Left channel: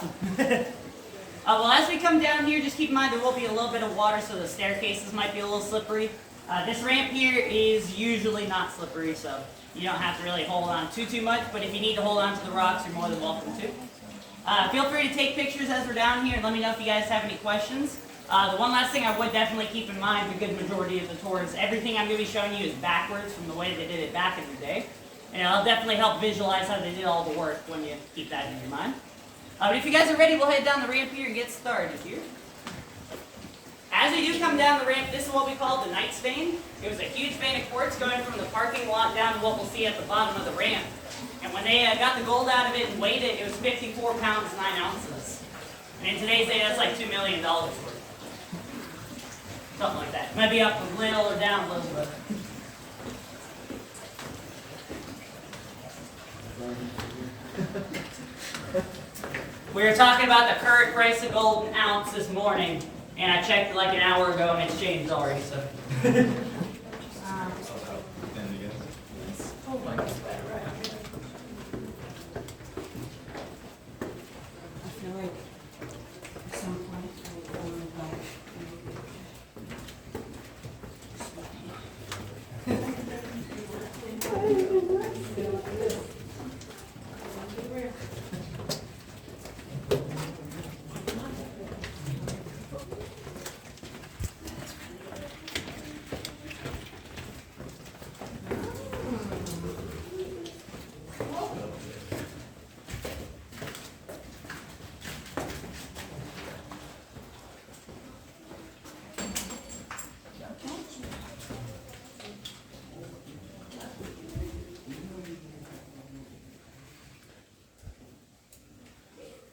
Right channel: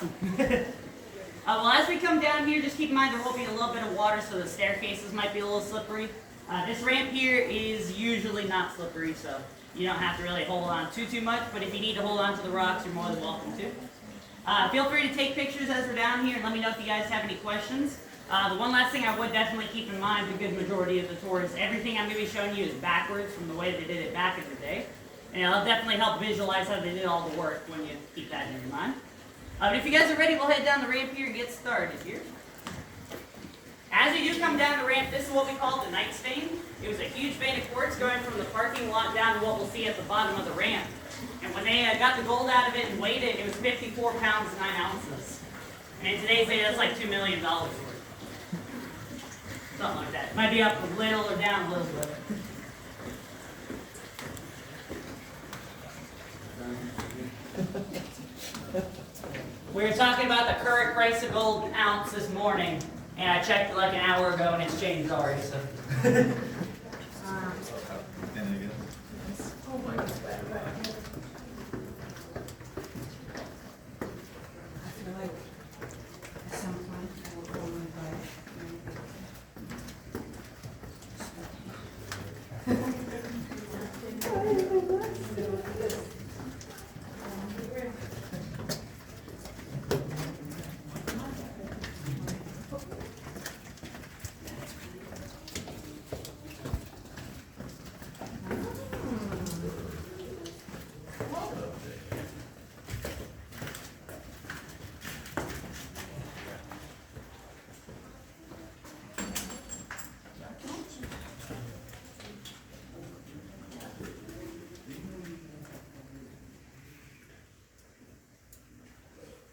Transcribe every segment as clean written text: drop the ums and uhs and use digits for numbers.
awesome. Well, as we come down here, just keep in mind there will be a little bit of water, so the staircases might be a little slippery. This ramp here is usually not slippery, so you don't have to really hold on too much, but if you need to hold on to the rocks, you're more than welcome to. Feel free to take pictures as we're down here, and let me know if you guys have any questions. The one last thing I would definitely keep in mind, the good majority of the tours, everything I'm going to be showing you is backwards from the way they did it back in the day. And it'll definitely help visualize how they did all the work when you keep that in your mind. But if you guys are ready, we'll head down the ramp here and get started here. As we do come down the ramp, this is what we call the Knight's Vein. It was a huge vein of quartz going from the parking lot down to what we'll see at the bottom of the ramp. And when they got the gold out of it and weighed it, it was 54 pounds, 9 ounces. And in today's day, that's like $2 million worth. Something like that. It might be up a little or down a little bit. We were talking about the current price of gold an ounce this morning, and I checked like an hour ago, and it's changed already. So.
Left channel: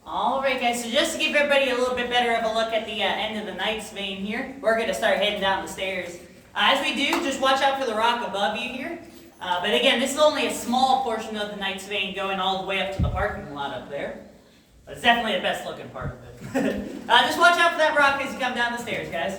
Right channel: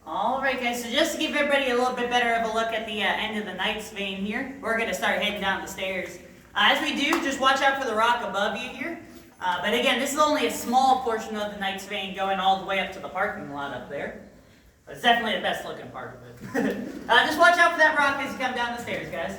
Alright guys, so just to give everybody a little bit better of a look at the end of the Knight's Vein here, we're going to start heading down the stairs. As we do, just watch out for the rock above you here. But again, this is only a small portion of the Knight's Vein going all the way up to the parking lot up there. But it's definitely the best looking part of it. Just watch out for that rock as you come down the stairs, guys.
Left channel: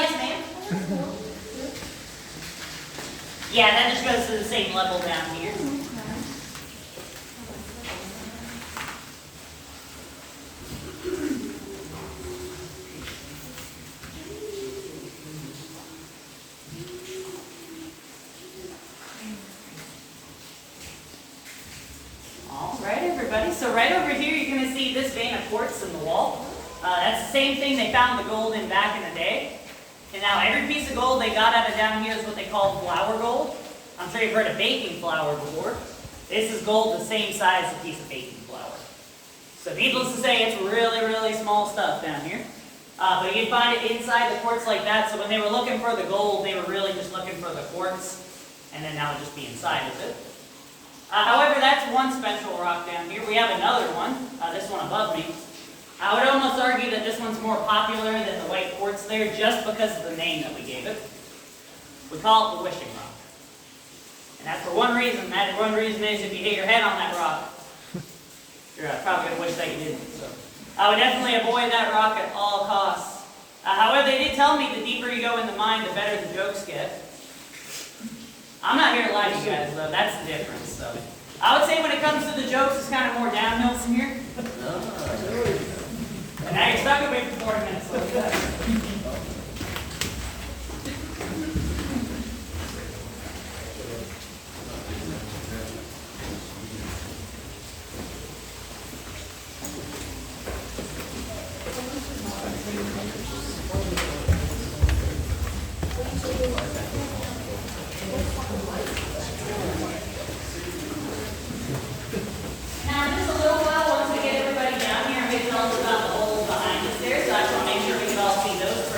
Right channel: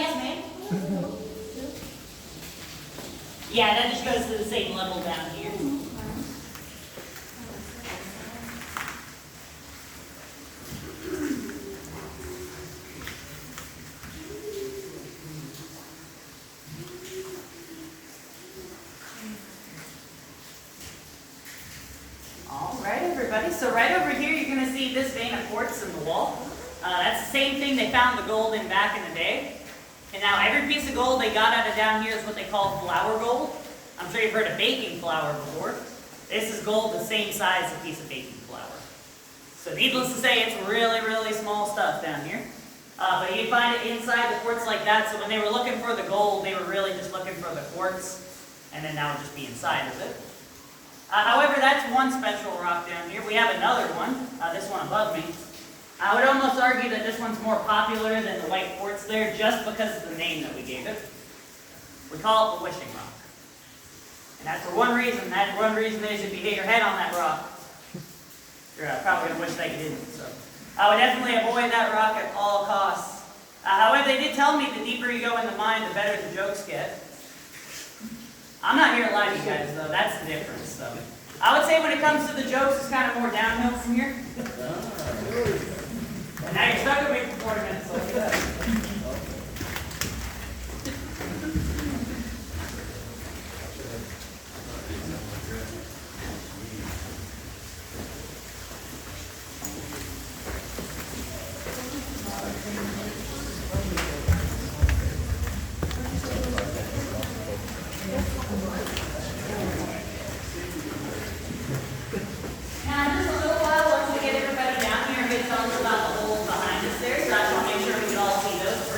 Yes, ma'am. Yeah, that just goes to the same level down here. All right, everybody. So right over here, you're going to see this vein of quartz in the wall. That's the same thing they found the gold in back in the day. And now every piece of gold they got out of down here is what they call flour gold. I'm sure you've heard of baking flour before. This is gold the same size as a piece of baking flour. So needless to say, it's really small stuff down here. But you'd find it inside the quartz like that. So when they were looking for the gold, they were really just looking for the quartz. And then that would just be inside of it. However, that's one special rock down here. We have another one, this one above me. I would almost argue that this one's more popular than the white quartz there just because of the name that we gave it. We call it the wishing rock. And that's for one reason. That one reason is if you hit your head on that rock, you're probably going to wish that you didn't. So I would definitely avoid that rock at all costs. However, they did tell me the deeper you go in the mine, the better the jokes get. I'm not here to lie to you guys, though. That's the difference. So I would say when it comes to the jokes, it's kind of more downhill from here. And now you're stuck with me for 40 minutes. So look at that. Those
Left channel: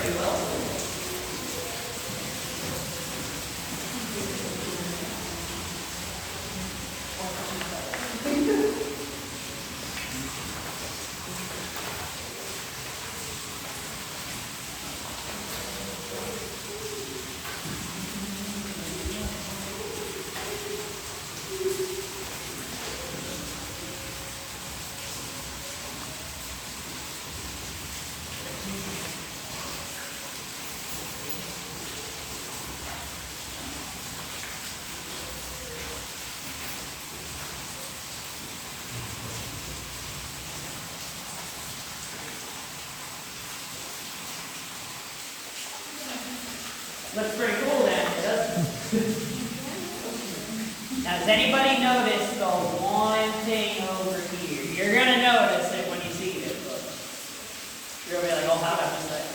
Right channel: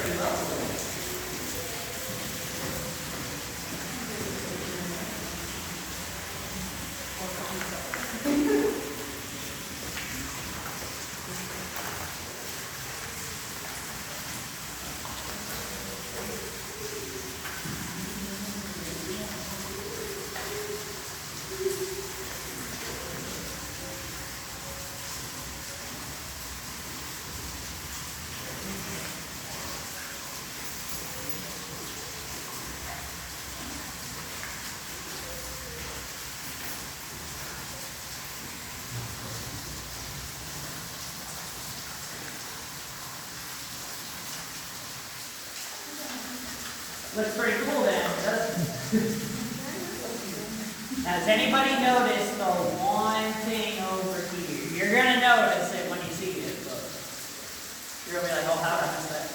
Looks pretty cool then, doesn't it? Now, has anybody noticed the one thing over here? You're going to notice it when you see it, but you're going to be like, oh, how did I miss that?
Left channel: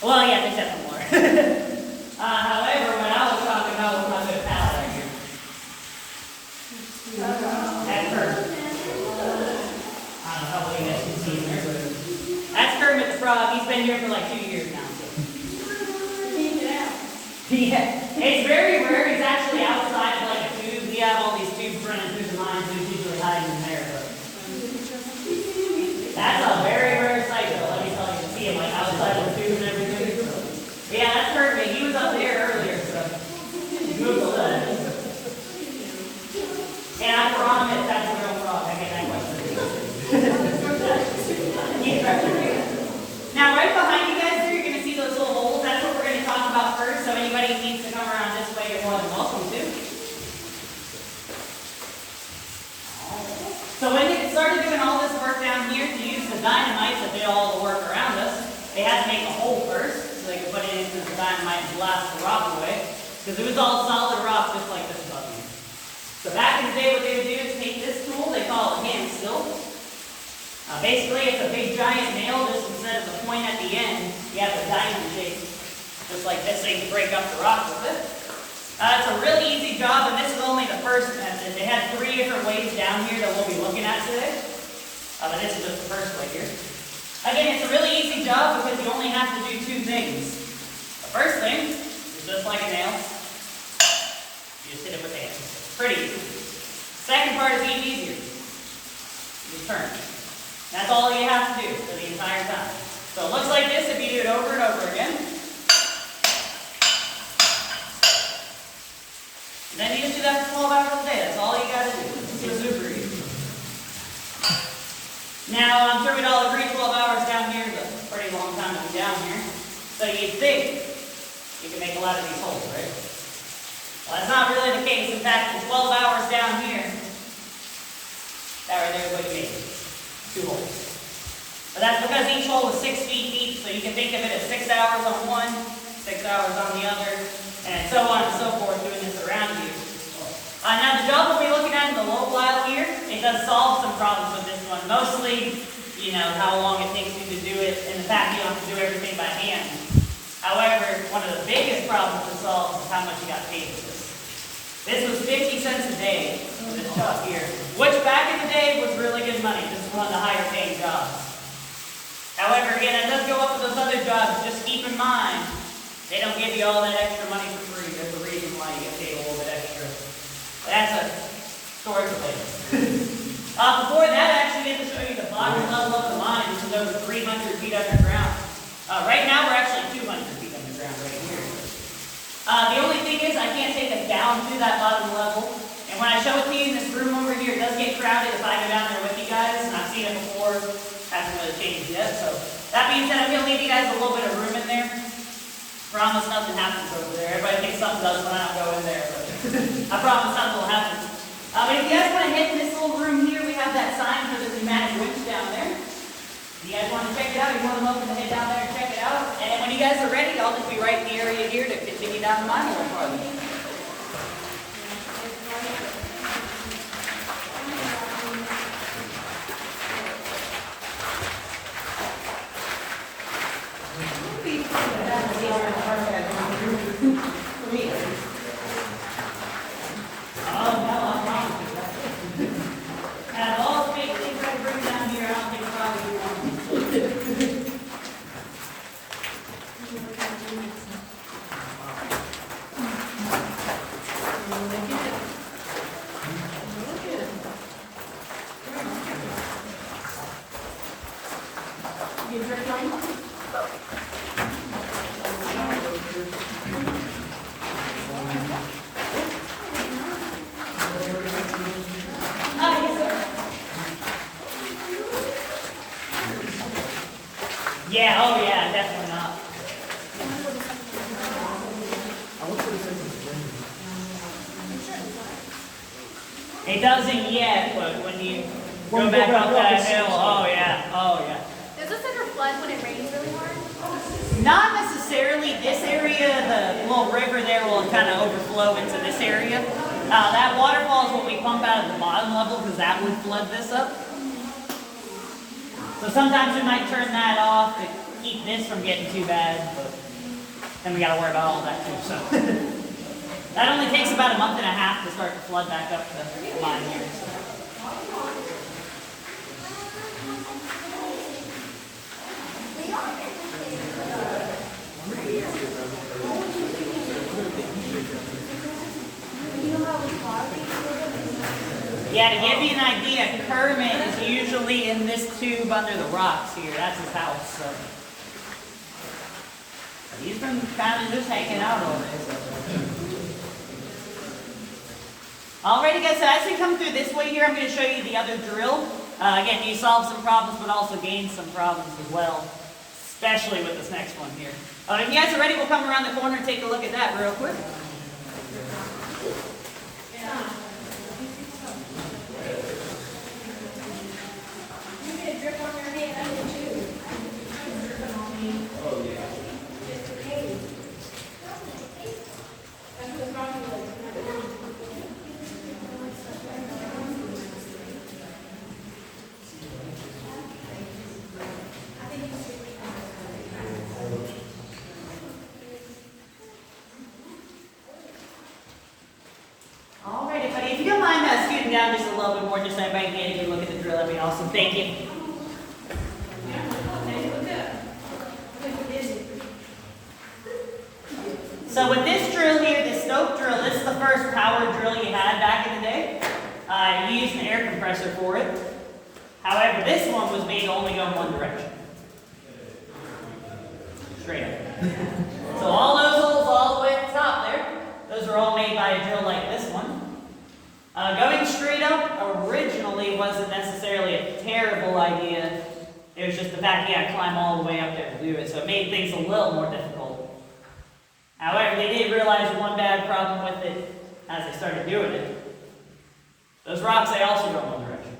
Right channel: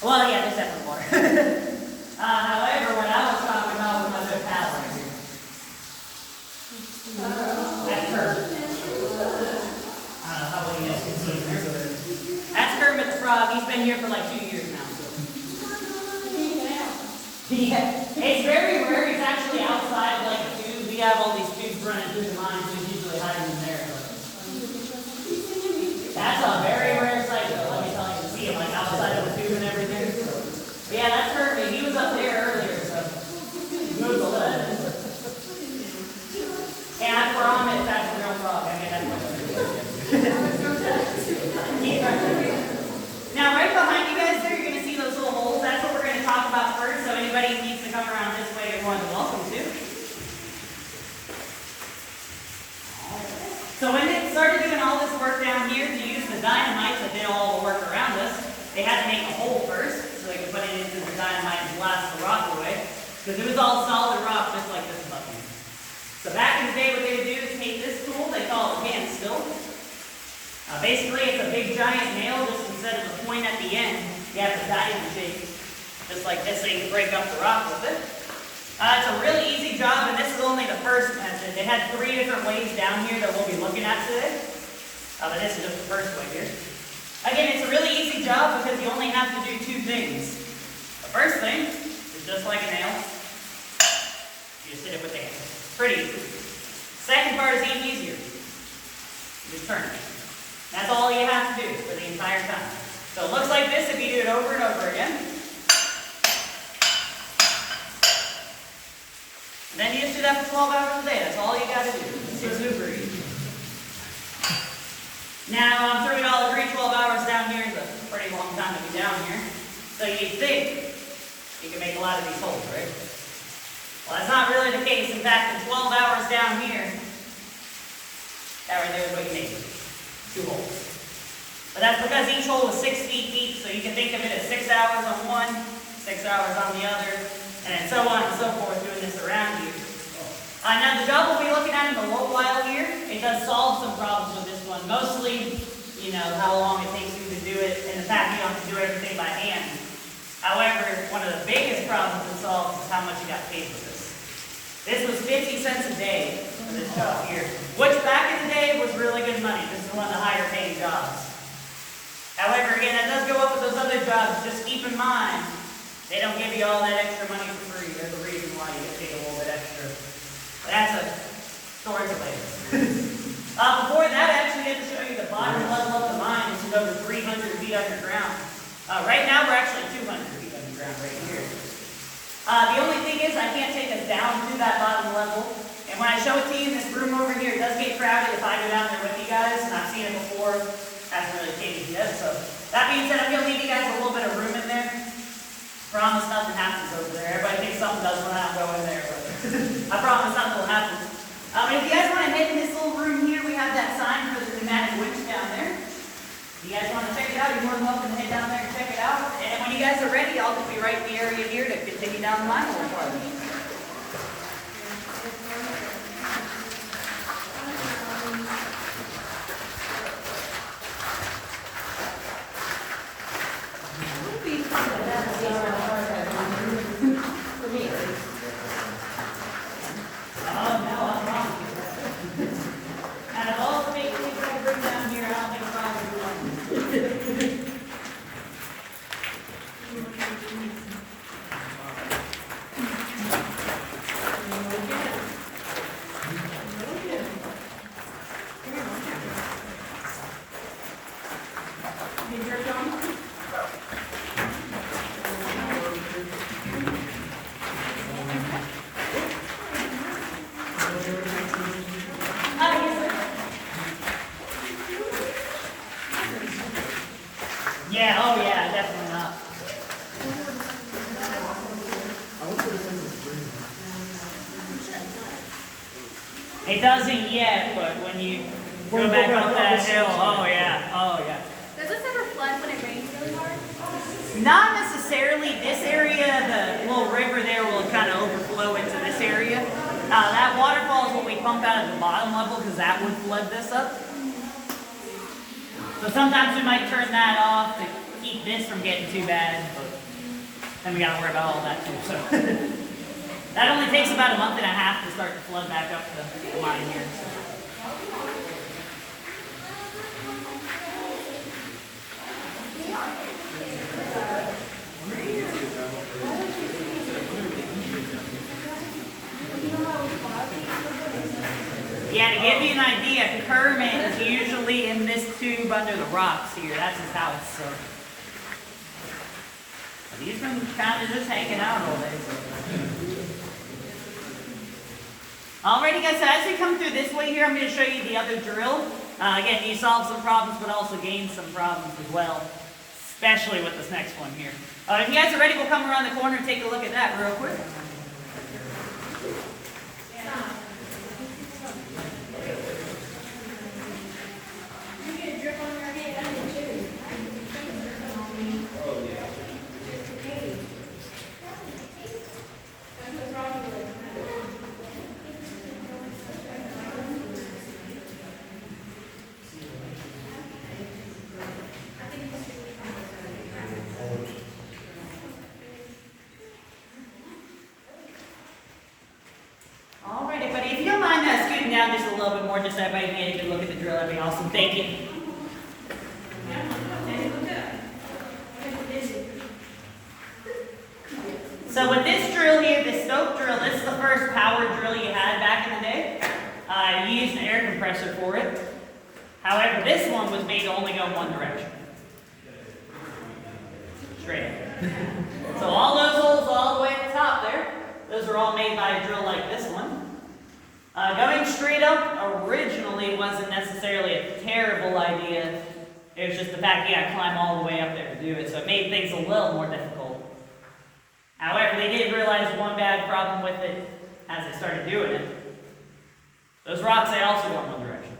Well, yeah, there's definitely more. However, what I was talking about was my good pal right here. That's Kermit. I don't know how well you guys can see him there, but that's Kermit the Frog. He's been here for like 2 years now. Yeah, it's very rare. He's actually outside of like a tube. We have all these tubes running through the lines. He's usually hiding in there. But that's a very rare sight, though. Let me tell you, to see him like outside of the tube and everything. So, yeah, that's perfect. He was up there earlier, so Google that. And I promise that's a real frog. I get that question. Now, right behind you guys there, you're going to see those little holes. That's what we're going to talk about first. So anybody who needs to come around this way, you're more than welcome to. So when they started doing all this work down here to use the dynamite that did all the work around us, they had to make a hole first so they could put it into the dynamite and blast the rock away. Because it was all solid rock just like this above here. So back in the day, what they would do is take this tool, they call it hand still. Basically, it's a big giant nail, just instead of the point at the end, you have the diamond shape, just like this, so you can break up the rock with it. It's a really easy job, and this is only the first method. They had 3 different ways down here that we'll be looking at today. But this is just the first way here. Again, it's a really easy job because you only have to do 2 things. The first thing is just like a nail. You just hit it with the hand. Pretty easy. Second part is even easier. You just turn it. That's all you have to do for the entire time. So it looks like this if you do it over and over again. And then you just do that for 12 hours a day. That's all you got to do. It's super easy. Now, I'm sure we'd all agree 12 hours down here is a pretty long time to be down here. So you'd think you can make a lot of these holes, right? Well, that's not really the case. In fact, in 12 hours down here, that right there is what you need. 2 holes. But that's because each hole is 6 feet deep, so you can think of it as 6 hours on one, 6 hours on the other, and so on and so forth, doing this around you. Now the job we'll be looking at in the low while here, it does solve some problems with this one. Mostly, you know, how long it takes you to do it, and the fact you don't have to do everything by hand. However, one of the biggest problems it solves is how much you got paid for this. This was 50 cents a day for this job here, which back in the day was really good money. This is one of the higher paying jobs. However, again, that does go up with those other jobs. Just keep in mind, they don't give you all that extra money for free. There's a reason why you get paid a little bit extra. But that's a story for later. Before that, I actually get to show you the bottom level of the mine, which is over 300 feet underground. Right now, we're actually 200 feet underground right here. The only thing is, I can't take us down to that bottom level. And when I show it to you in this room over here, it does get crowded if I go down there with you guys. And I've seen it before. Hasn't really changed yet. So that being said, I'm going to leave you guys a little bit of room in there. Promise nothing happens over there. Everybody thinks something does when I don't go in there, but I promise something will happen. If you guys want to head in this little room here, we have that sign for the pneumatic winch down there. If you guys want to check it out, you're more than welcome to head down there and check it out. And when you guys are ready, I'll just be right in the area here to continue down the mine a little farther. Yeah, oh yeah, definitely not. It doesn't yet, but when you go back up that hill, oh yeah, oh yeah. Does this ever flood when it rains really hard? Not necessarily. This area little river there will kind of overflow into this area. That waterfall is what we pump out at the bottom level because that would flood this up. So sometimes we might turn that off to keep this from getting too bad, but then we got to worry about all that too. So that only takes about a month and a half to start to flood back up the line here. So. Yeah, to give you an idea, Kermit is usually in this tube under the rocks here. That's his house. So. But he's been kind of just hanging out all day. So. Alrighty guys, so as we come through this way here, I'm going to show you the other drill. Again, you solve some problems, but also gain some problems as well. Especially with this next one here. If you guys are ready, we'll come around the corner and take a look at that real quick. Down just a little bit more, just so everybody can get a good look at the drill. That'd be awesome. Thank you. So with this drill here, the stoke drill, this is the first power drill you had back in the day. You used an air compressor for it. However, this one was made to only go in one direction. Straight up. So all those holes all the way at the top there, those are all made by a drill like this one. Going straight up originally wasn't necessarily a terrible idea. It was just the fact you had to climb all the way up there to do it, so it made things a little more difficult. However, they did realize one bad problem with it as they started doing it. Those rocks, they also go in one direction.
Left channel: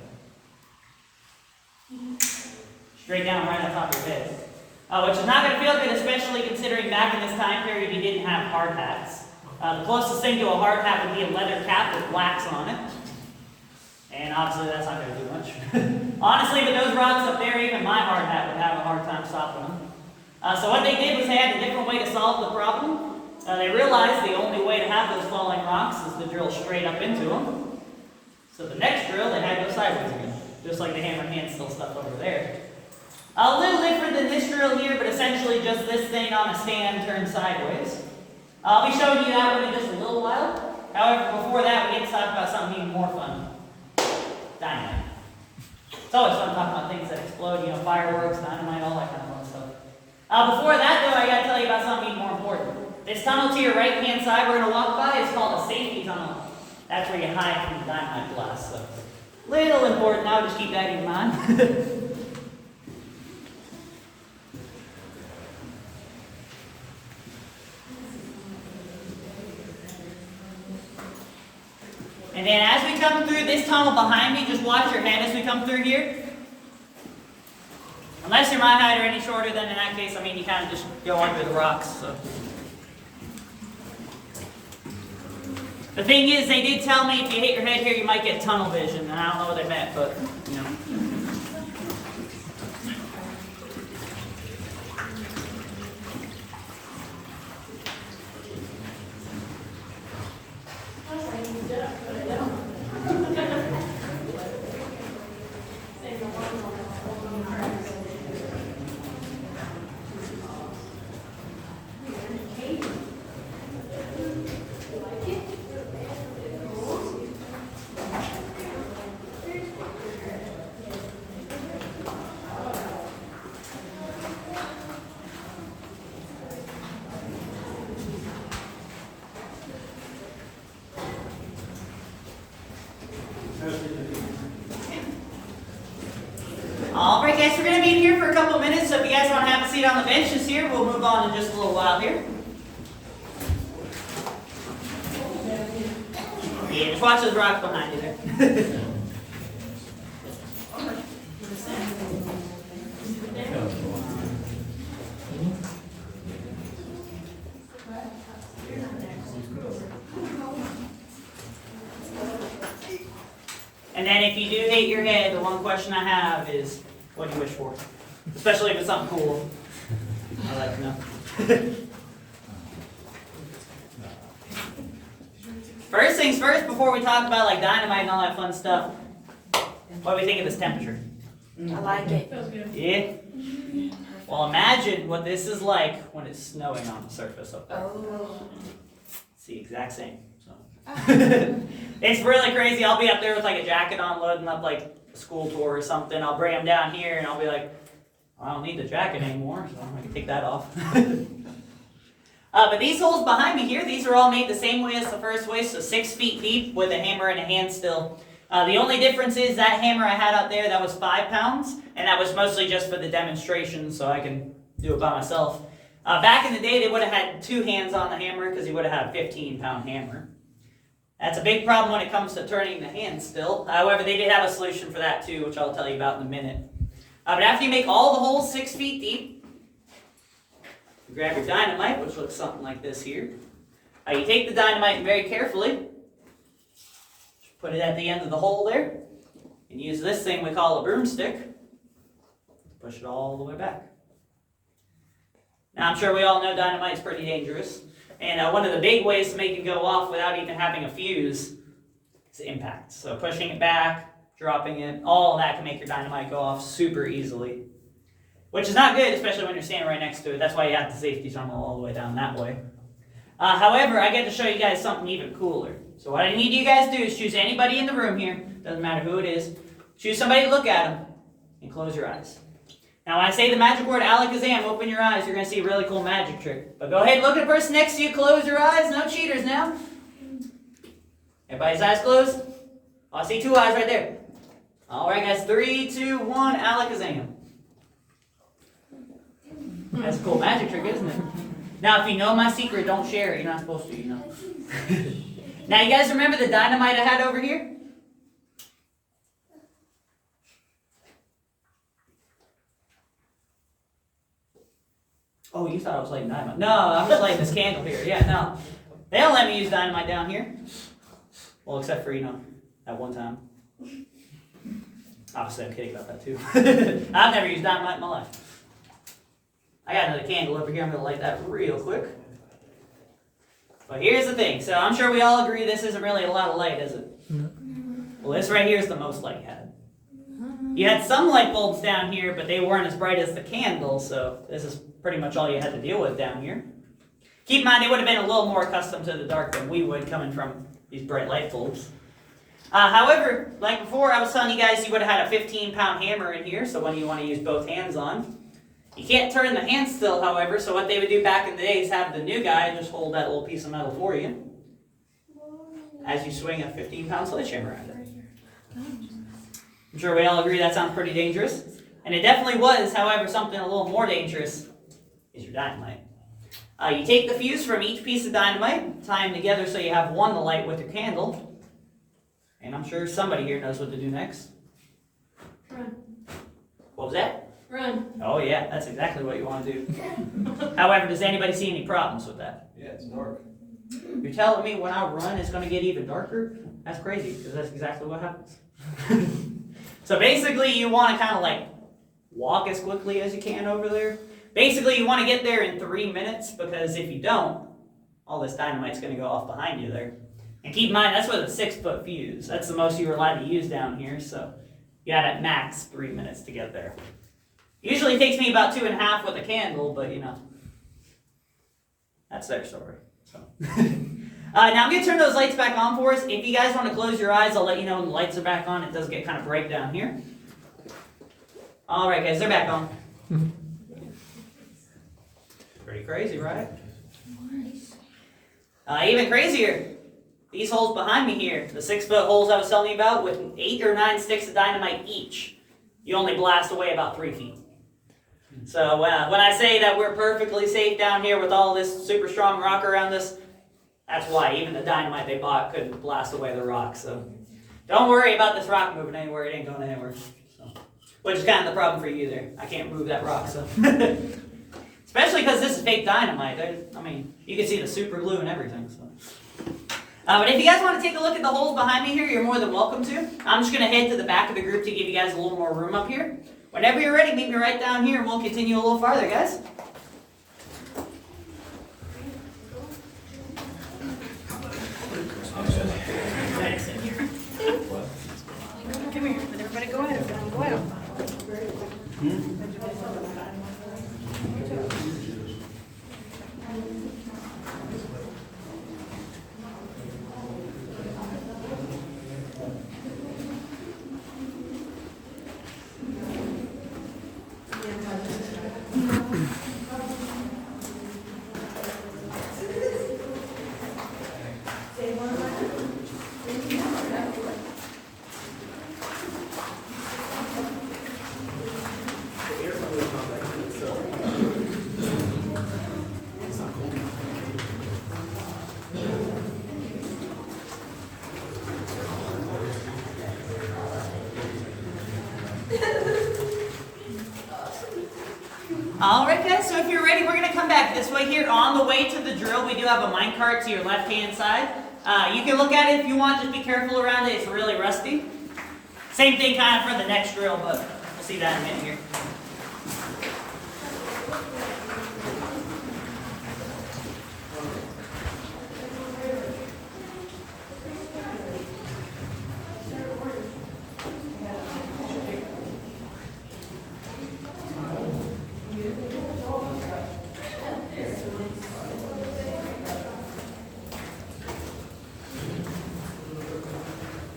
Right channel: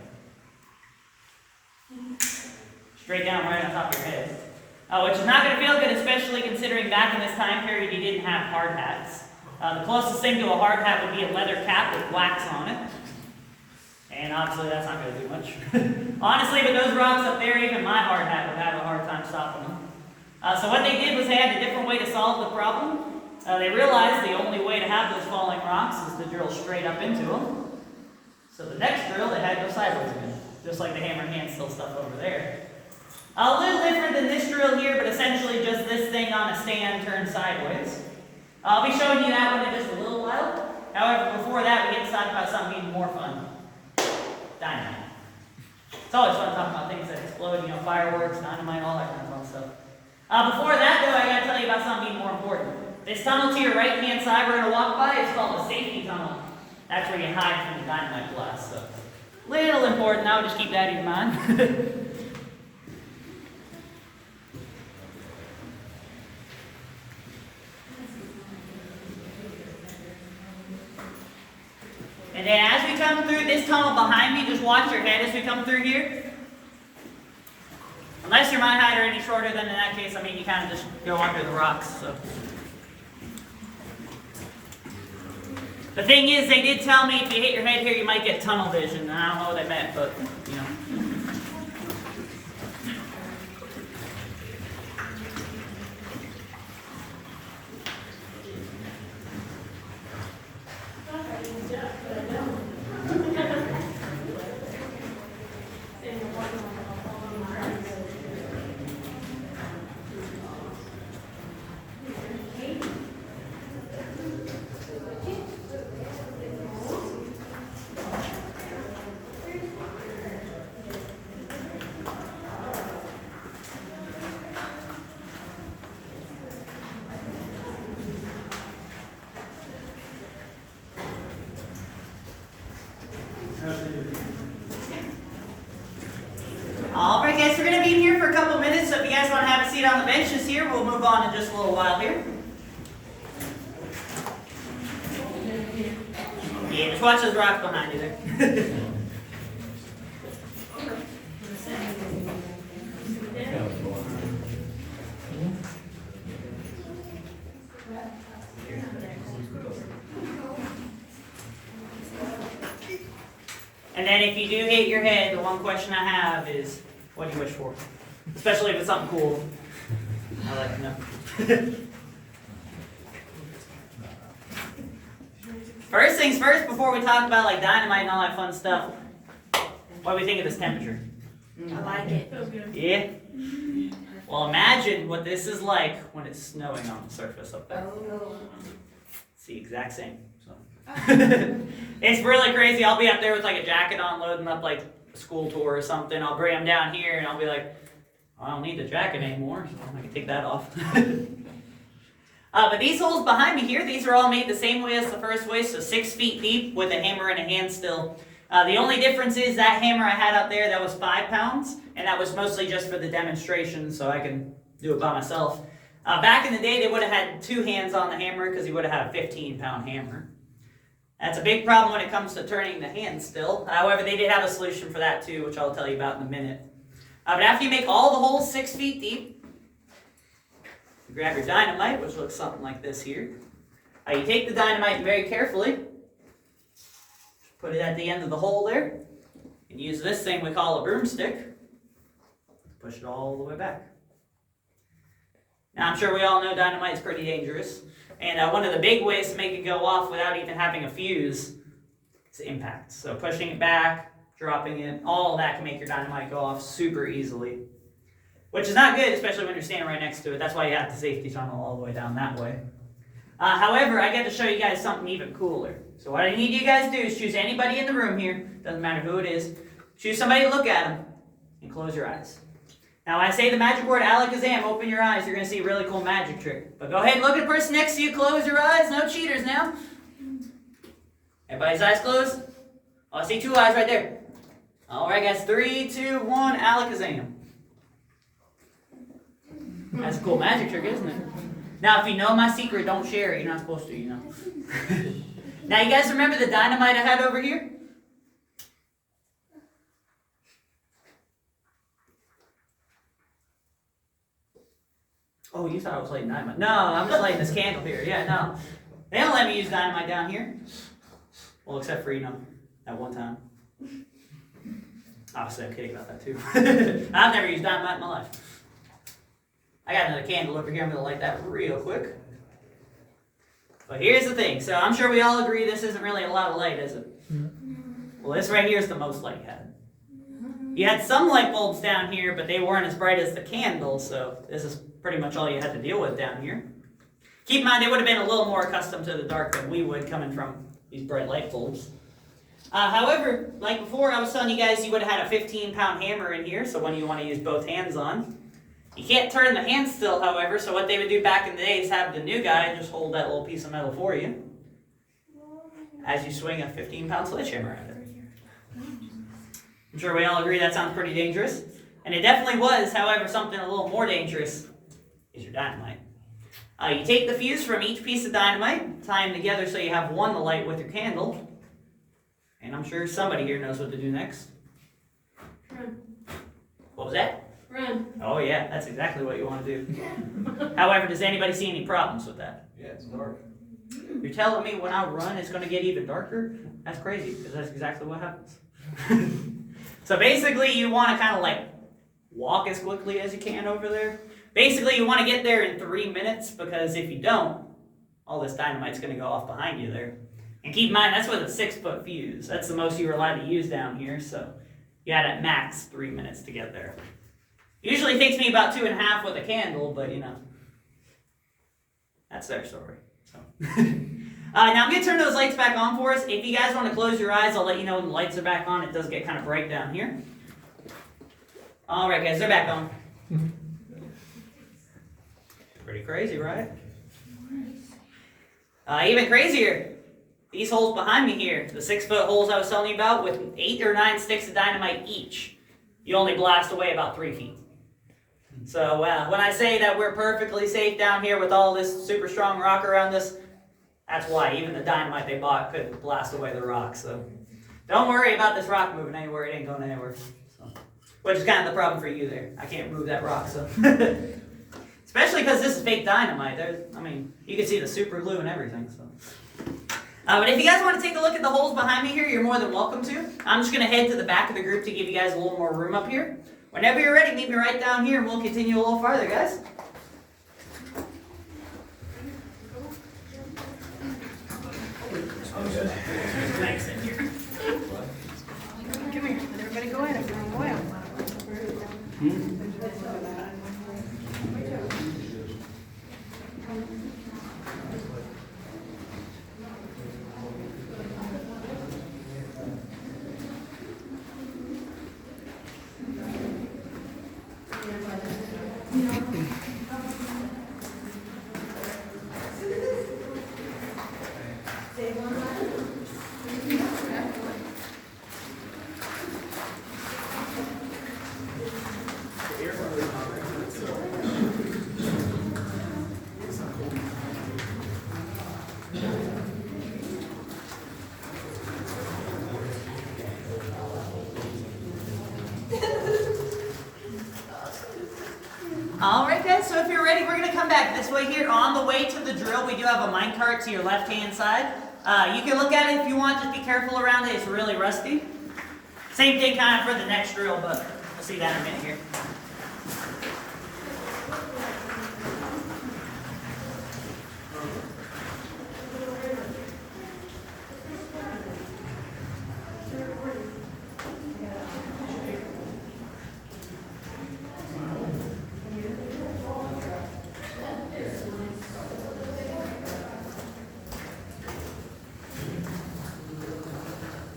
Straight down right on top of your head. Which is not going to feel good, especially considering back in this time period you didn't have hard hats. The closest thing to a hard hat would be a leather cap with wax on it. And obviously that's not going to do much. Honestly, with those rocks up there, even my hard hat would have a hard time stopping them. So what they did was they had a different way to solve the problem. They realized the only way to have those falling rocks is to drill straight up into them. So the next drill, they had to go sideways again. Just like the hammer and hand still stuff over there. A little different than this drill here, but essentially just this thing on a stand turned sideways. I'll be showing you that one in just a little while. However, before that, we get to talk about something even more fun. Dynamite. It's always fun talking about things that explode, you know, fireworks, dynamite, all that kind of fun stuff. Before that, though, I got to tell you about something even more important. This tunnel to your right-hand side we're going to walk by is called a safety tunnel. That's where you hide from the dynamite blast. So, little important. I would just keep that in mind. And then as we come through this tunnel behind me, just watch your head as we come through here. Unless you're my height or any shorter, then in that case, I mean, you kind of just go under the rocks. So. The thing is, they did tell me if you hit your head here, you might get tunnel vision. And I don't know what they meant, but, you know. Alright guys, we're going to be in here for a couple minutes, so if you guys want to have a seat on the bench just here, we'll move on in just a little while here. Yeah, just watch those rocks behind you there. And then if you do hit your head, the one question I have is, what do you wish for? Especially if it's something cool. I'd like to know. First things first, before we talk about like dynamite and all that fun stuff, what do we think of this temperature? I like it. Feels good. Yeah? Well, imagine what this is like when it's snowing on the surface up there. Oh. It's the exact same. So. It's really crazy. I'll be up there with like a jacket on, loading up like a school tour or something. I'll bring them down here and I'll be like, I don't need the jacket anymore, so I can take that off. But these holes behind me here, these are all made the same way as the first way, so 6 feet deep with a hammer and a hand still. The only difference is that hammer I had out there, that was 5 pounds, and that was mostly just for the demonstration, so I can do it by myself. Back in the day, they would have had 2 hands on the hammer because you would have had a 15-pound hammer. That's a big problem when it comes to turning the hand still. However, they did have a solution for that too, which I'll tell you about in a minute. But after you make all the holes 6 feet deep, you grab your dynamite, which looks something like this here. You take the dynamite very carefully, put it at the end of the hole there, and use this thing we call a broomstick. Push it all the way back. Now, I'm sure we all know dynamite's pretty dangerous. And one of the big ways to make it go off without even having a fuse is impact. So pushing it back, dropping it, all of that can make your dynamite go off super easily. Which is not good, especially when you're standing right next to it. That's why you have the safety tunnel all the way down that way. However, I get to show you guys something even cooler. So what I need you guys to do is choose anybody in the room here, doesn't matter who it is, choose somebody to look at them, and close your eyes. Now when I say the magic word Alakazam, open your eyes, you're going to see a really cool magic trick. But go ahead and look at the person next to you, close your eyes, no cheaters now. Everybody's eyes closed? Oh, I see 2 eyes right there. Alright guys, 3, 2, 1, Alakazam. That's a cool magic trick, isn't it? Now if you know my secret, don't share it, you're not supposed to, you know. Now you guys remember the dynamite I had over here? Oh, you thought I was lighting dynamite. No, I'm just lighting this candle here. Yeah, no. They don't let me use dynamite down here. Well, except for, at one time. Obviously, I'm kidding about that too. I've never used dynamite in my life. I got another candle over here. I'm going to light that real quick. But here's the thing. So I'm sure we all agree this isn't really a lot of light, is it? Well, this right here is the most light you had. You had some light bulbs down here, but they weren't as bright as the candle, so this is pretty much all you had to deal with down here. Keep in mind, they would have been a little more accustomed to the dark than we would coming from these bright light bulbs. However, like before, I was telling you guys you would have had a 15-pound hammer in here, so when you want to use both hands on. You can't turn the hand still, however, so what they would do back in the day is have the new guy just hold that little piece of metal for you as you swing a 15-pound sledgehammer at it. I'm sure we all agree that sounds pretty dangerous. And it definitely was, however, something a little more dangerous is your dynamite. You take the fuse from each piece of dynamite, tie them together so you have one to light with your candle. And I'm sure somebody here knows what to do next. Run. What was that? Run. Oh yeah, that's exactly what you want to do. However, does anybody see any problems with that? Yeah, it's dark. You're telling me when I run it's going to get even darker? That's crazy, because that's exactly what happens. So basically you want to kind of like walk as quickly as you can over there. Basically you want to get there in 3 minutes, because if you don't, all this dynamite's going to go off behind you there. And keep in mind, that's with a 6-foot fuse. That's the most you're allowed to use down here, so you had at max 3 minutes to get there. Usually takes me about 2.5 with a candle, but that's their story. So. Now I'm going to turn those lights back on for us. If you guys want to close your eyes, I'll let you know when the lights are back on. It does get kind of bright down here. Alright guys, they're back on. Pretty crazy, right? Even crazier, these holes behind me here, the 6-foot holes I was telling you about, with 8 or 9 sticks of dynamite each, you only blast away about 3 feet. So when I say that we're perfectly safe down here with all this super strong rock around us, that's why even the dynamite they bought couldn't blast away the rock. So don't worry about this rock moving anywhere. It ain't going anywhere. So, which is kind of the problem for you there. I can't move that rock. So Especially because this is fake dynamite. I mean, you can see the super glue and everything. So. But if you guys want to take a look at the holes behind me here, you're more than welcome to. I'm just going to head to the back of the group to give you guys a little more room up here. Whenever you're ready, meet me right down here and we'll continue a little farther, guys. Come here, let everybody go ahead. Go ahead. Alright guys, so if you're ready, we're going to come back this way here. On the way to the drill, we do have a mine cart to your left-hand side. You can look at it if you want, just be careful around it, it's really rusty. Same thing kind of for the next drill, but we'll see that in a minute here.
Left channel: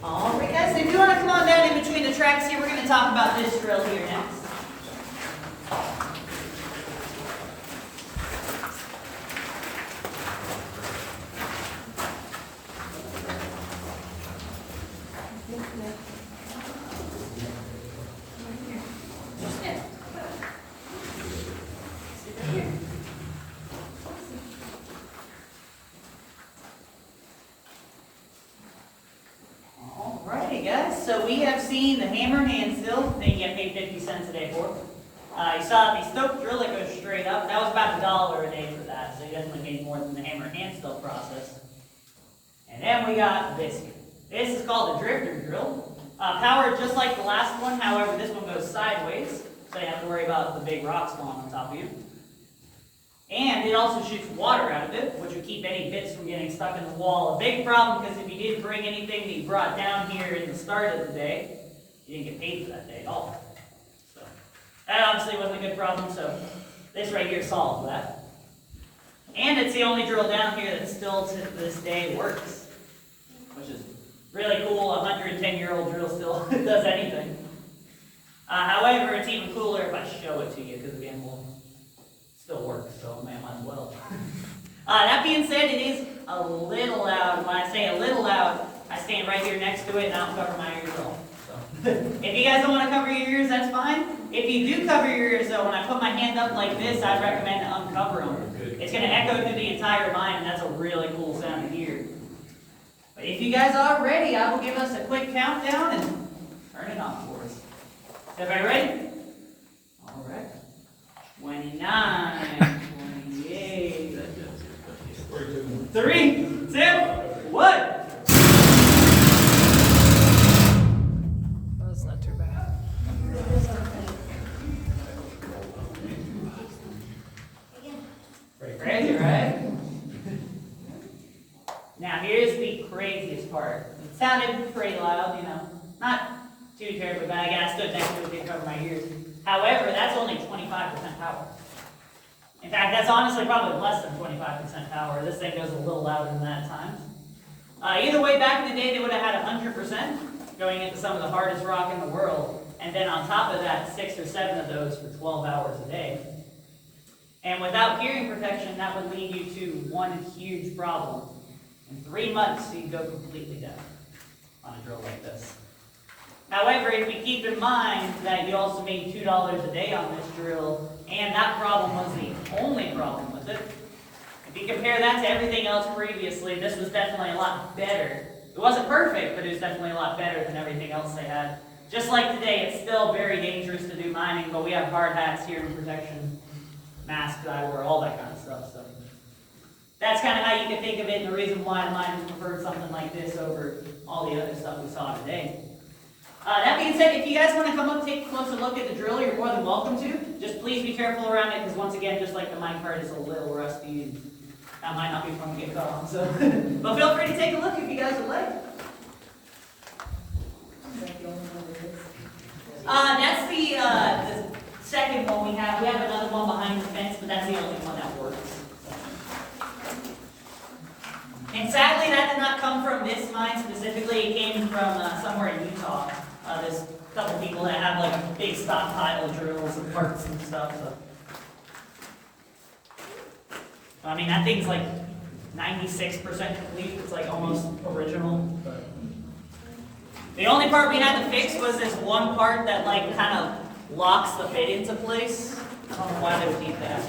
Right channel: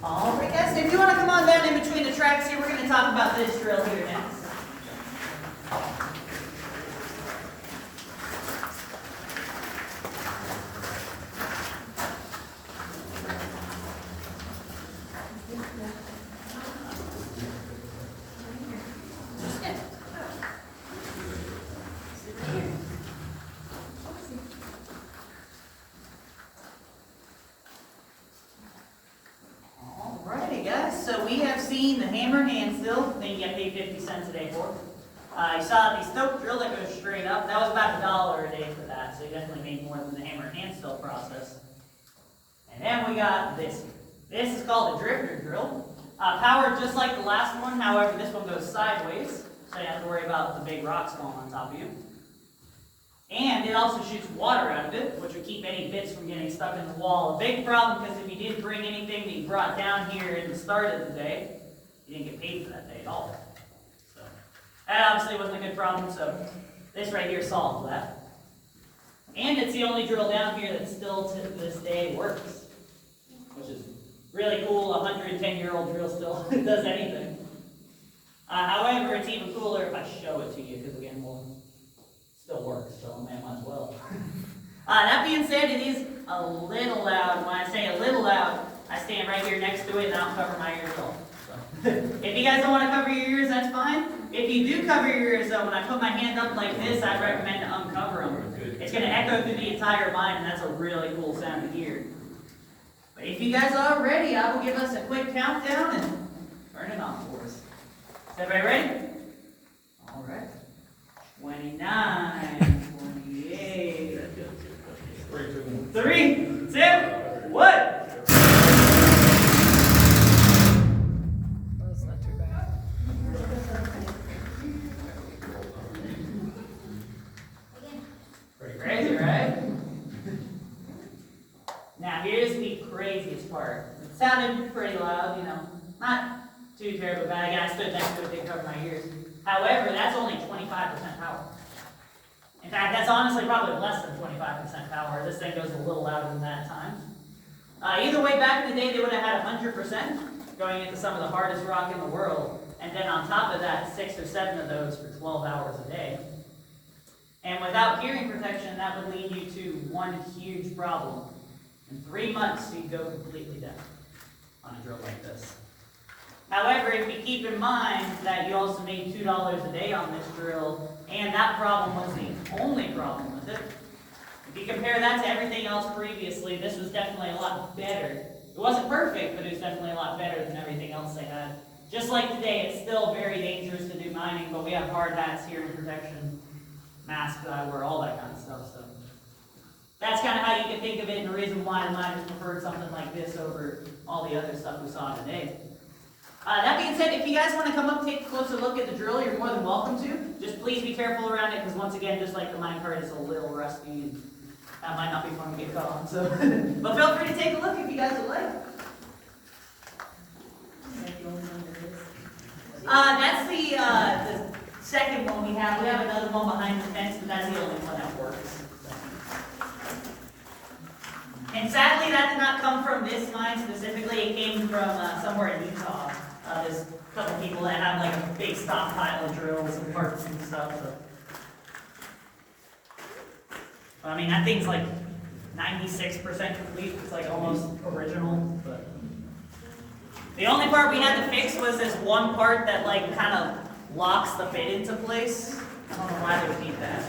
Alright guys, so if you want to come on down in between the tracks here, we're going to talk about this drill here next. Alrighty guys, so we have seen the hammer hand still, that you get paid 50 cents a day for. You saw the stoke drill that goes straight up, that was about $1 a day for that, so you definitely made more than the hammer hand still process. And then we got this. This is called a drifter drill. Powered just like the last one, however this one goes sideways, so you don't have to worry about the big rocks falling on top of you. And it also shoots water out of it, which would keep any bits from getting stuck in the wall. A big problem, because if you did bring anything that you brought down here in the start of the day, you didn't get paid for that day at all. So that obviously wasn't a good problem, so this right here solves that. And it's the only drill down here that still to this day works, which is really cool. A 110-year-old drill still does anything. However, it's even cooler if I show it to you, because again, we'll still works, so man, might as well. That being said, it is a little loud. When I say a little loud, I stand right here next to it and I don't cover my ears at all. So. If you guys don't want to cover your ears, that's fine. If you do cover your ears, though, when I put my hand up like this, I'd recommend to uncover them. It's going to echo through the entire mine, and that's a really cool sound to hear. But if you guys are ready, I will give us a quick countdown and turn it on for us. Is everybody ready? All right. 29, 28, 3, 2, 1. That's not too bad. Pretty crazy, right? Now here's the craziest part. It sounded pretty loud, you know, not too terribly bad. Again, I stood next to it, didn't cover my ears. However, that's only 25% power. In fact, that's honestly probably less than 25% power. This thing goes a little louder than that at times. Either way, back in the day, they would have had 100% going into some of the hardest rock in the world. And then on top of that, 6 or 7 of those for 12 hours a day. And without hearing protection, that would lead you to one huge problem. In 3 months, you'd go completely deaf on a drill like this. However, if you keep in mind that you also made $2 a day on this drill, and that problem was the only problem with it, if you compare that to everything else previously, this was definitely a lot better. It wasn't perfect, but it was definitely a lot better than everything else they had. Just like today, it's still very dangerous to do mining, but we have hard hats here in protection. masks I wore, all that kind of stuff. So that's kind of how you can think of it, and the reason why the miners preferred something like this over all the other stuff we saw today. That being said, if you guys want to come up and take a closer look at the drill, you're more than welcome to. Just please be careful around it, because once again, just like the mine cart is a little rusty, and that might not be fun to get caught on. So, but feel free to take a look if you guys would like. That's the second one we have. We have another one behind the fence, but that's the only one that works. And sadly, that did not come from this mine specifically. It came from somewhere in Utah. There's a couple people that have like a big stockpile of drills and parts and stuff. So. I mean, that thing's like 96% complete. It's like almost original. But the only part we had to fix was this one part that like kind of locks the fit into place. I don't know why they would need that.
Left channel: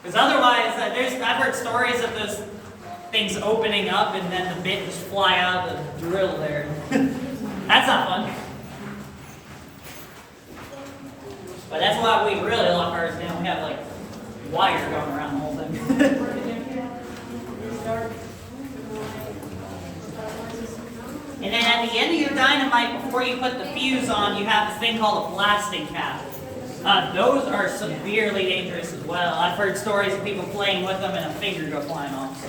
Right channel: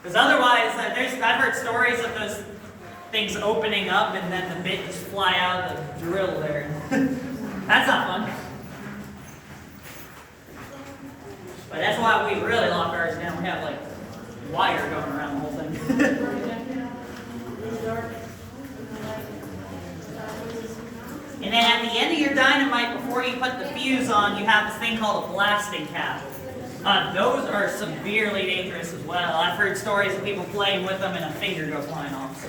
Because otherwise, I've heard stories of those things opening up and then the bit just fly out of the drill there. That's not fun. But that's why we really lock ours down. We have like wire going around the whole thing. And then at the end of your dynamite, before you put the fuse on, you have this thing called a blasting cap. Those are severely dangerous as well. I've heard stories of people playing with them and a finger go flying off. So.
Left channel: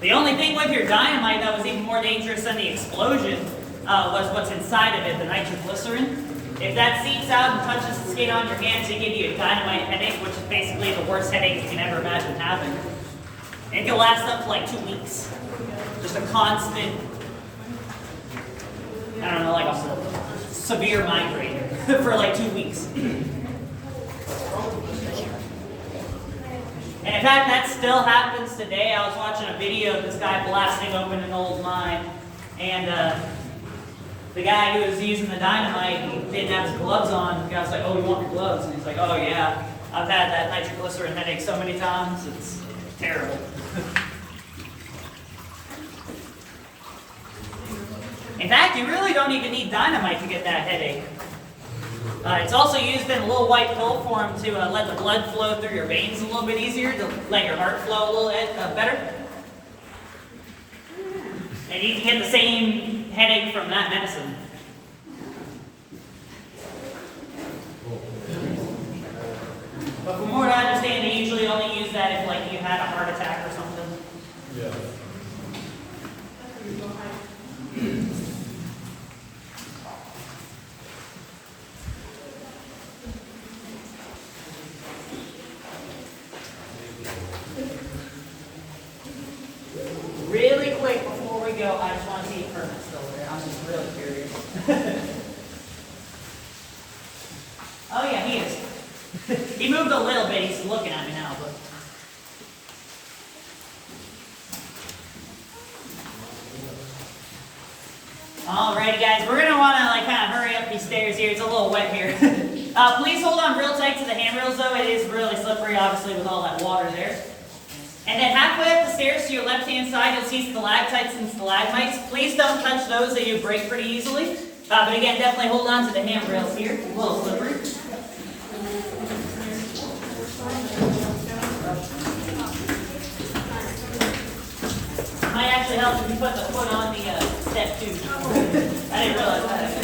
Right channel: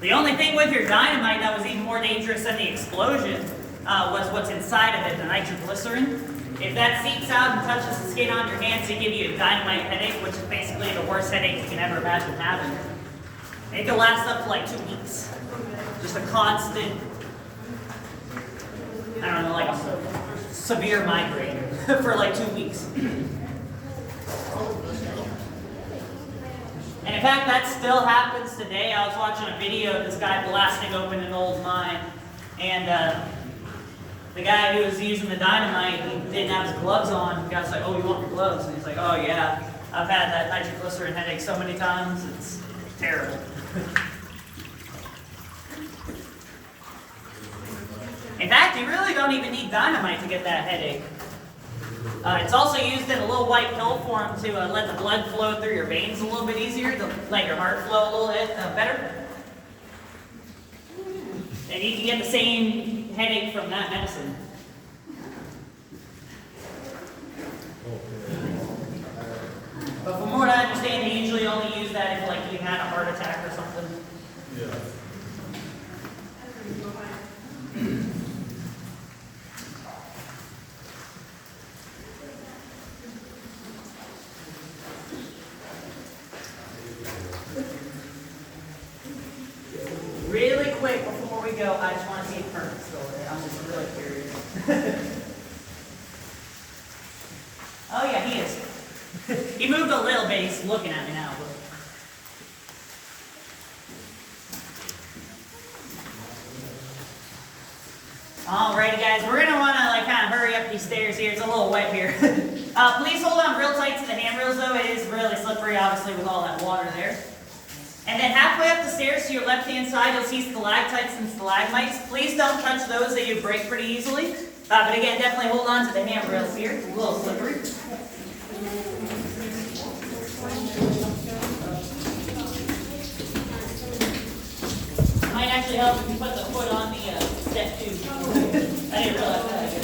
The only thing with your dynamite that was even more dangerous than the explosion was what's inside of it, the nitroglycerin. If that seeps out and touches the skin on your hands, it gives you a dynamite headache, which is basically the worst headache you can ever imagine having. And it can last up to like 2 weeks. Just a constant, I don't know, like a severe migraine for like 2 weeks. And in fact, that still happens today. I was watching a video of this guy blasting open an old mine, and the guy who was using the dynamite, he didn't have his gloves on. The guy was like, "Oh, you want your gloves?" And he's like, "Oh yeah, I've had that nitroglycerin headache so many times, it's terrible." In fact, you really don't even need dynamite to get that headache. It's also used in a little white pill form to let the blood flow through your veins a little bit easier, to let your heart flow a little bit better. And you can get the same headache from that medicine. But from what I understand, they usually only use that if like you had a heart attack or something. Yeah. Really quick before we go, I just want to see if Hermit's still there. I'm just really curious. Oh yeah, he is. He moved a little bit. He's looking at me now, but. Alrighty guys, we're gonna wanna like kind of hurry up these stairs here. It's a little wet here. Please hold on real tight to the handrails though. It is really slippery, obviously, with all that water there. And then halfway up the stairs to your left-hand side, you'll see stalactites and stalagmites. Please don't touch those, they do break pretty easily. But again, definitely hold on to the handrails here. It's a little slippery. Might actually help if you put the foot on the step too. I didn't realize that.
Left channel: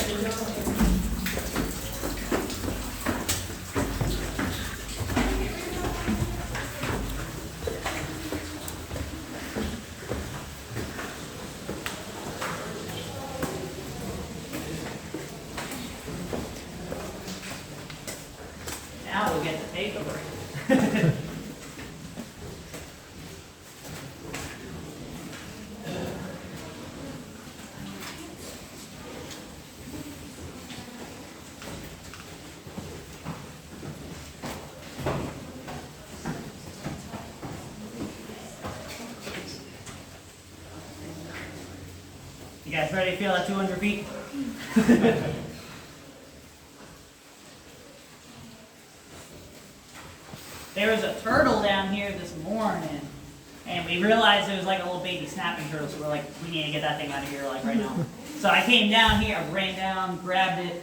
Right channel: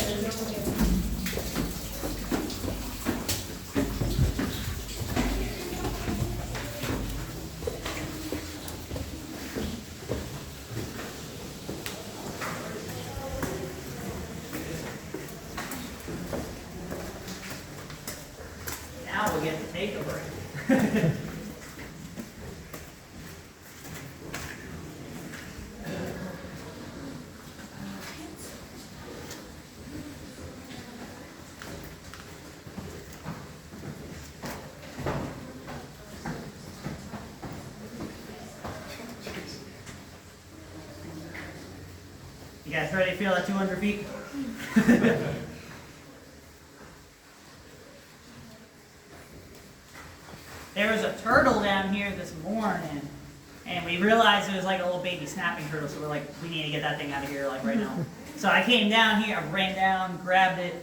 Now we'll get to take a break. You guys ready to feel that 200 feet? There was a turtle down here this morning, And we realized it was like a little baby snapping turtle, so we're like, we need to get that thing out of here like right now. So I came down here, I ran down, grabbed it,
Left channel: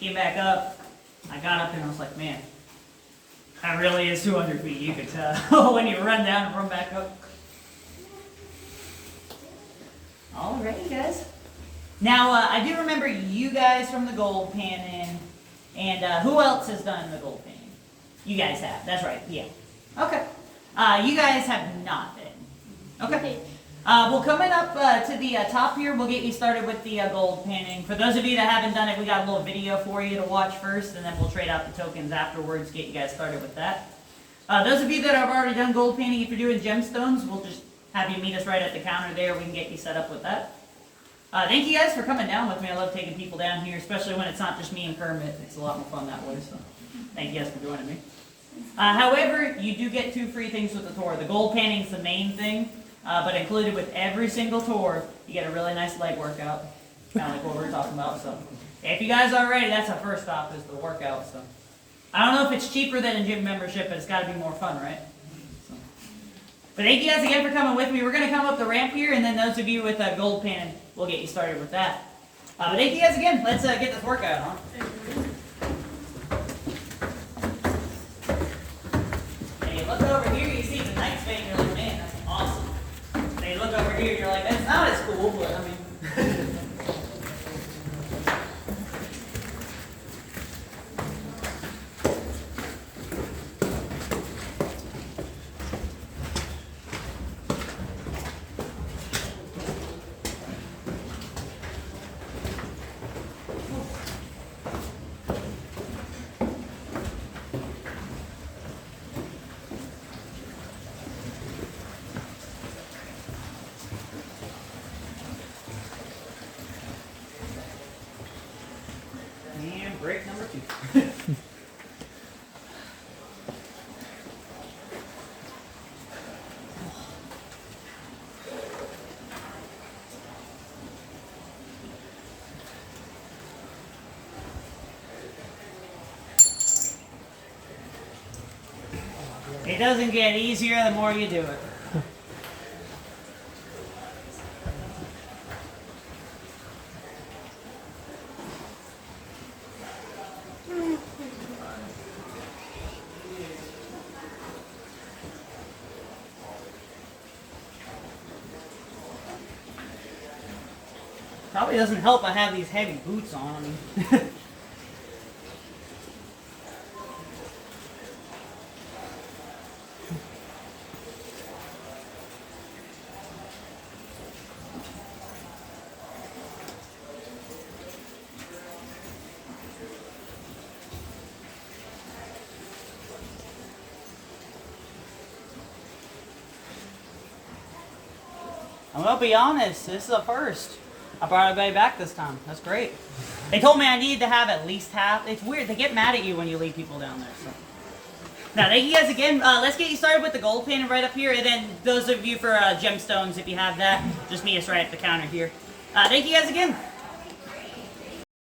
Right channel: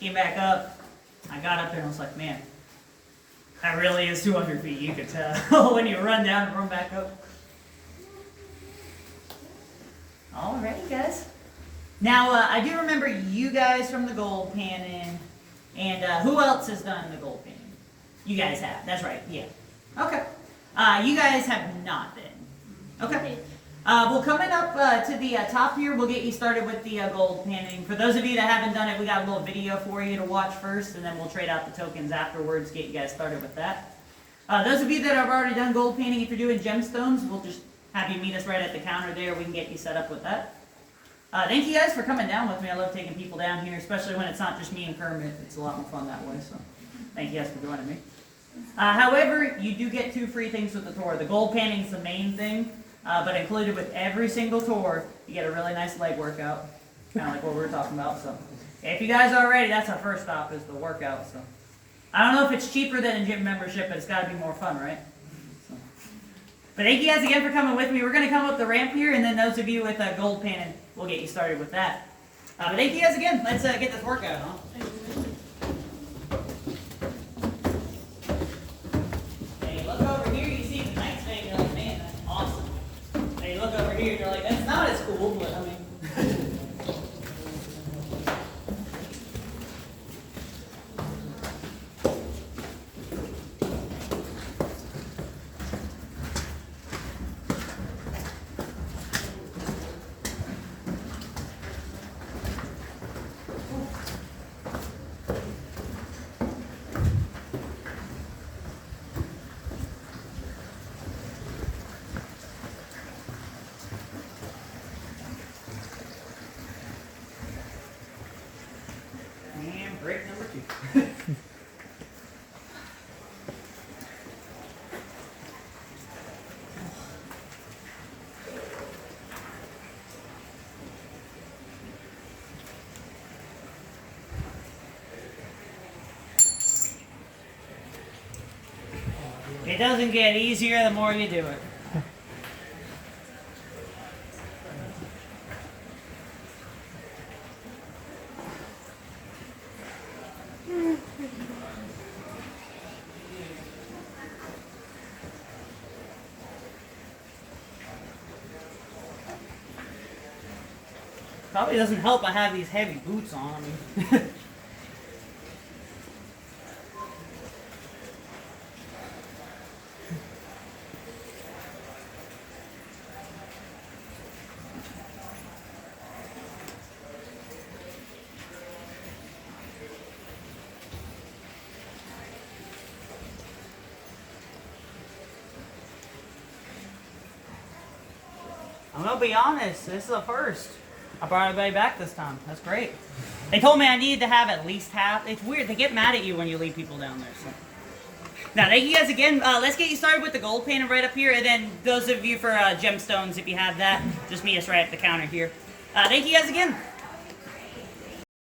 came back up. I got up there and I was like, man, that really is 200 feet, you could tell when you run down and run back up. Alrighty, guys. Now, I do remember you guys from the gold panning, and who else has done the gold panning? You guys have, that's right, yeah. Okay. You guys have not then. Okay. Well, coming up to the top here, we'll get you started with the gold panning. For those of you that haven't done it, we got a little video for you to watch first, and then we'll trade out the tokens afterwards, get you guys started with that. Those of you that have already done gold panning, if you're doing gemstones, we'll just have you meet us right at the counter there. We can get you set up with that. Thank you guys for coming down with me. I love taking people down here, especially when it's not just me and Kermit. It's a lot more fun that way, so thank you guys for joining me. However, you do get 2 free things with the tour. The gold panning is the main thing, but included with every single tour, you get a really nice leg workout, kind of like what we were talking about. So, if you guys are ready, that's our first stop is the workout. So, I don't know if it's cheaper than a gym membership, but it's got to be more fun, right? So. But thank you guys again for coming with me. We're going to come up the ramp here, and then those of you with gold panning, we'll get you started with that. But thank you guys again. Let's get this workout on. Look over here, you see the night vein, you're like, man, that's awesome. And you look over here, you're like, that's not as cool, but I mean. Break number 2. It doesn't get easier the more you do it. Probably doesn't help I have these heavy boots on. I mean. I'm gonna be honest, this is a first. I brought everybody back this time. That's great. They told me I needed to have at least half. It's weird. They get mad at you when you leave people down there. So. Now, thank you guys again. Let's get you started with the gold panning right up here. And then those of you for gemstones, if you have that, just meet us right at the counter here. Thank you guys again.